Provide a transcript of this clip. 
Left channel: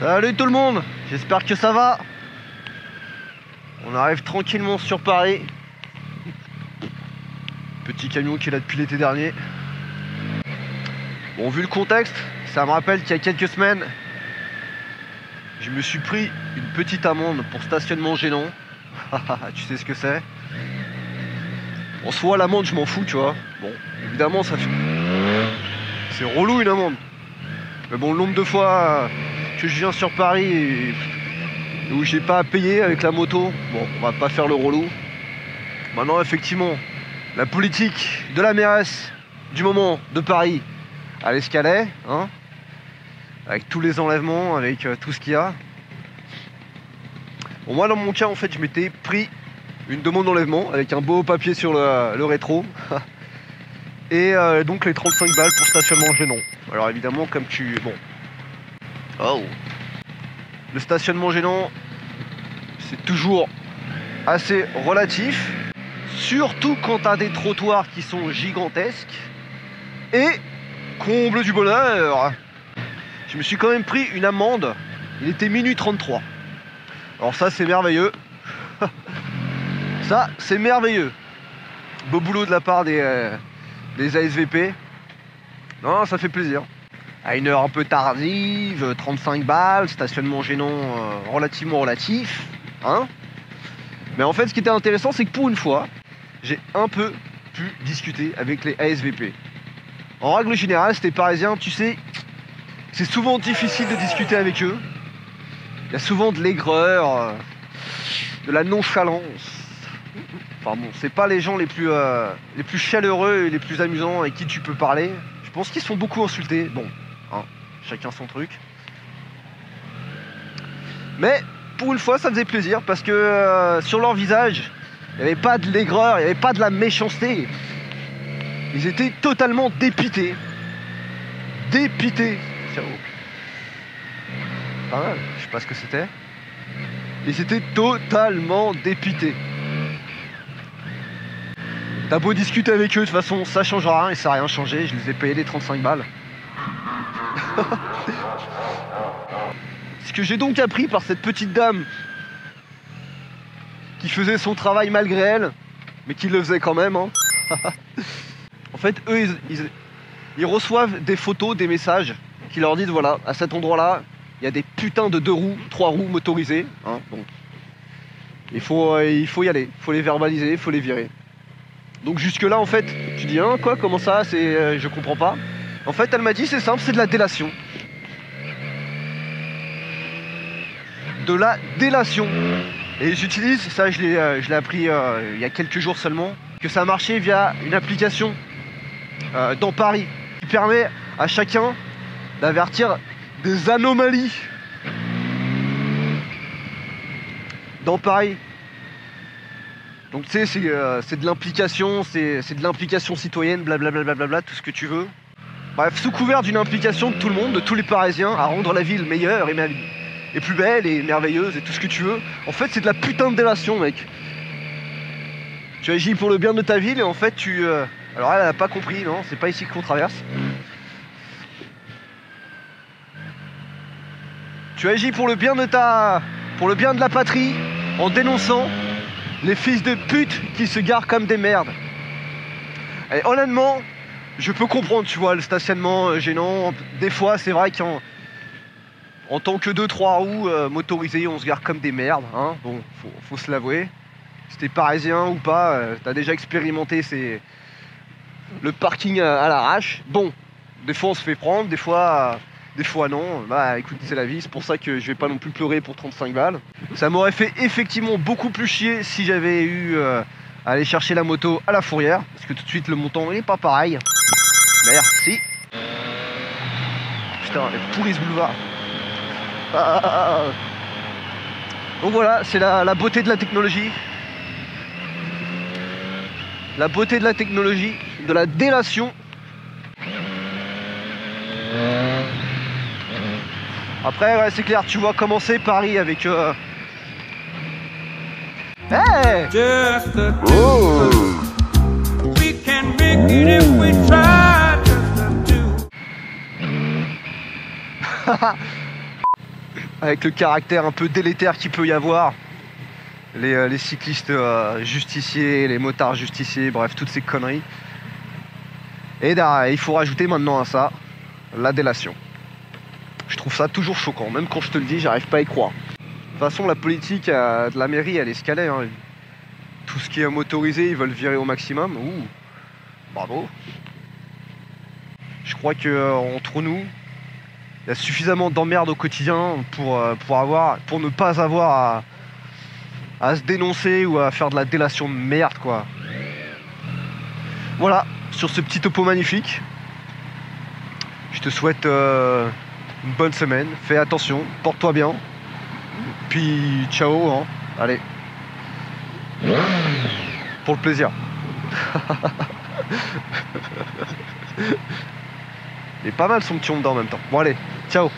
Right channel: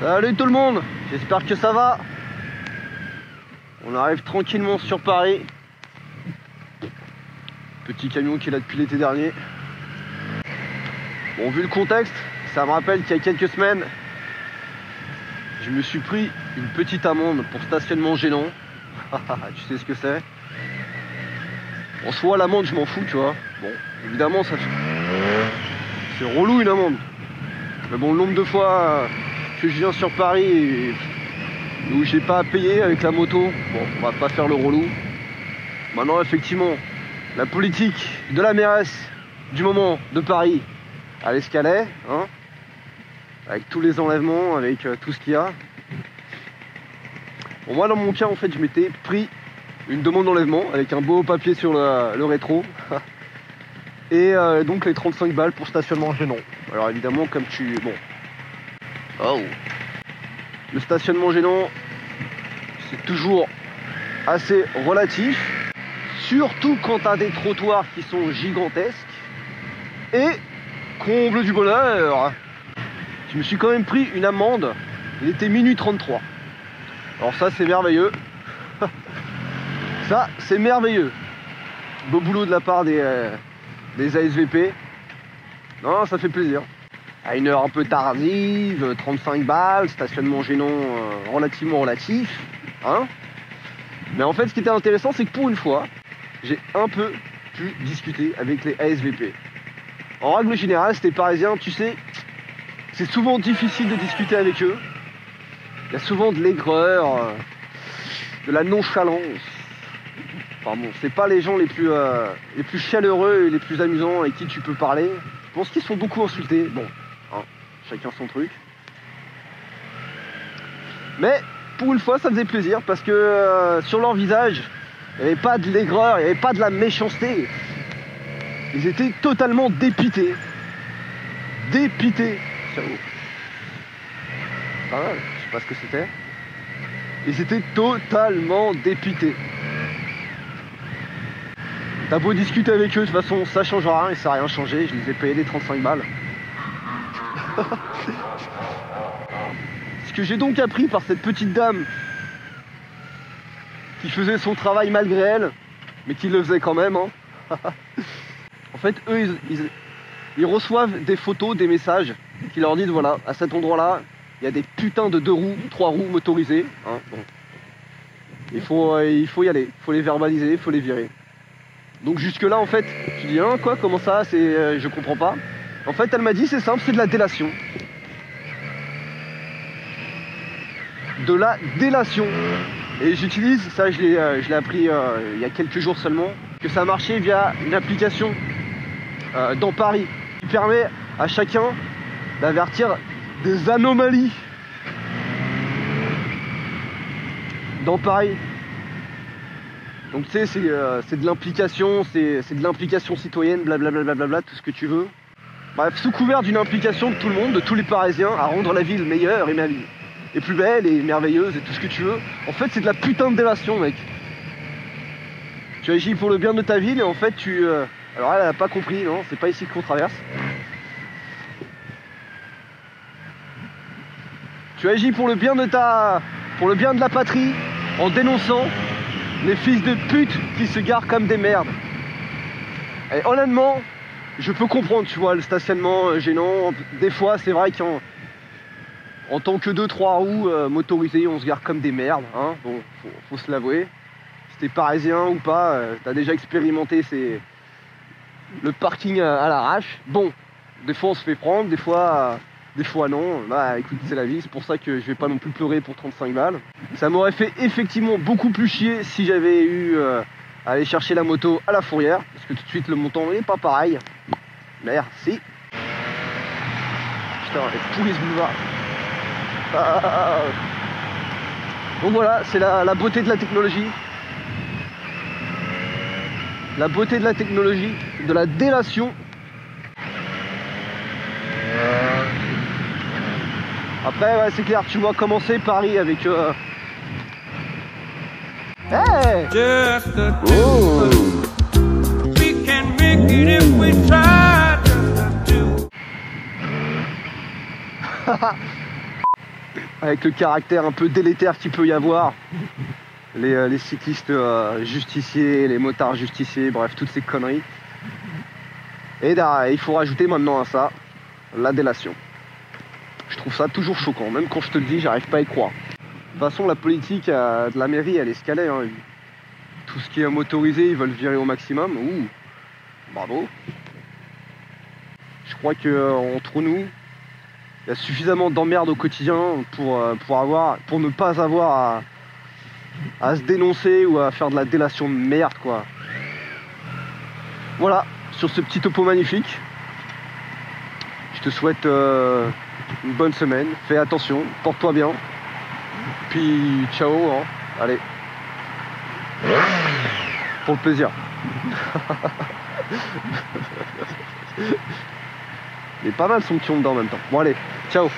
Salut tout le monde, j'espère que ça va. On arrive tranquillement sur Paris. Petit camion qui est là depuis l'été dernier. Bon, vu le contexte, ça me rappelle qu'il y a quelques semaines, je me suis pris une petite amende pour stationnement gênant. Tu sais ce que c'est? En soi, l'amende, je m'en fous, tu vois. Bon, évidemment, ça fait... c'est relou une amende. Mais bon, le nombre de fois que je viens sur Paris et où j'ai pas à payer avec la moto, bon, on va pas faire le relou. Maintenant, effectivement, la politique de la mairesse du moment de Paris, elle est ce qu'elle est, hein, avec tous les enlèvements, avec tout ce qu'il y a. Bon, moi, dans mon cas, en fait, je m'étais pris une demande d'enlèvement avec un beau papier sur le rétro. Et donc les 35 balles pour stationnement gênant. Alors évidemment, comme tu... Bon. Oh. Le stationnement gênant, c'est toujours assez relatif. Surtout quand tu as des trottoirs qui sont gigantesques. Et, comble du bonheur, je me suis quand même pris une amende. Il était minuit 33. Alors ça, c'est merveilleux. Ça, c'est merveilleux. Beau boulot de la part des ASVP. Non, ça fait plaisir. À une heure un peu tardive, 35 balles, stationnement gênant relativement relatif. Hein. Mais en fait, ce qui était intéressant, c'est que pour une fois, j'ai un peu pu discuter avec les ASVP. En règle générale, c'était parisien, tu sais, c'est souvent difficile de discuter avec eux. Il y a souvent de l'aigreur, de la nonchalance. Enfin bon, c'est pas les gens les plus chaleureux et les plus amusants avec qui tu peux parler. Je pense qu'ils se font beaucoup insulter. Bon, hein, chacun son truc. Mais pour une fois, ça faisait plaisir parce que sur leur visage, il n'y avait pas de l'aigreur, il n'y avait pas de la méchanceté. Ils étaient totalement dépités. Dépités. Ciao. Ah, je sais pas ce que c'était. Ils étaient totalement dépités. T'as beau discuter avec eux, de toute façon ça changera rien et ça n'a rien changé, je les ai payés les 35 balles. Ce que j'ai donc appris par cette petite dame qui faisait son travail malgré elle, mais qui le faisait quand même, hein. En fait, eux, ils reçoivent des photos, des messages qui leur disent voilà, à cet endroit-là, il y a des putains de 2 roues, 3 roues motorisées. Hein, bon. Il faut y aller, il faut les verbaliser, il faut les virer. Donc jusque là en fait, tu dis hein quoi, comment ça, c'est je comprends pas. En fait elle m'a dit c'est simple, c'est de la délation. De la délation. Et j'utilise, ça je l'ai appris il y a quelques jours seulement, que ça marchait via une application dans Paris qui permet à chacun d'avertir des anomalies dans Paris. Donc tu sais, c'est de l'implication, c'est de l'implication citoyenne, blablabla, tout ce que tu veux. Bref, sous couvert d'une implication de tout le monde, de tous les Parisiens, à rendre la ville meilleure et plus belle et merveilleuse et tout ce que tu veux. En fait, c'est de la putain de délation, mec. Tu agis pour le bien de ta ville et en fait, alors elle a pas compris, non, c'est pas ici qu'on traverse. Tu agis pour le bien de la patrie, en dénonçant les fils de pute qui se garent comme des merdes. Et honnêtement, je peux comprendre, tu vois, le stationnement gênant. Des fois, c'est vrai qu'en tant que 2-3 roues motorisées, on se gare comme des merdes. Hein. Bon, faut se l'avouer. Si t'es parisien ou pas, t'as déjà expérimenté le parking à l'arrache. Bon, des fois on se fait prendre, des fois non. Bah écoute, c'est la vie, c'est pour ça que je vais pas non plus pleurer pour 35 balles. Ça m'aurait fait effectivement beaucoup plus chier si j'avais eu à aller chercher la moto à la fourrière, parce que tout de suite le montant n'est pas pareil. Merci. Putain, elle pourrit ce boulevard. Donc voilà, c'est la beauté de la technologie. La beauté de la technologie, de la délation. Après, ouais, c'est clair, tu vois commencer Paris avec... Hey! Just the two. We can make it if we try. Just the two. avec le caractère un peu délétère qu'il peut y avoir. Les cyclistes justiciers, les motards justiciers, bref, toutes ces conneries. Et il faut rajouter maintenant à ça la délation. Je trouve ça toujours choquant, même quand je te le dis, j'arrive pas à y croire. De toute façon, la politique de la mairie, elle est escalée. Hein. Tout ce qui est motorisé, ils veulent virer au maximum. Ouh, bravo. Je crois qu'entre nous, il y a suffisamment d'emmerdes au quotidien pour ne pas avoir à se dénoncer ou à faire de la délation de merde, quoi. Voilà, sur ce petit topo magnifique, je te souhaite une bonne semaine. Fais attention, porte-toi bien. Puis ciao, hein. Allez. Pour le plaisir. Il est pas mal son petit on dedans en même temps. Bon allez, ciao.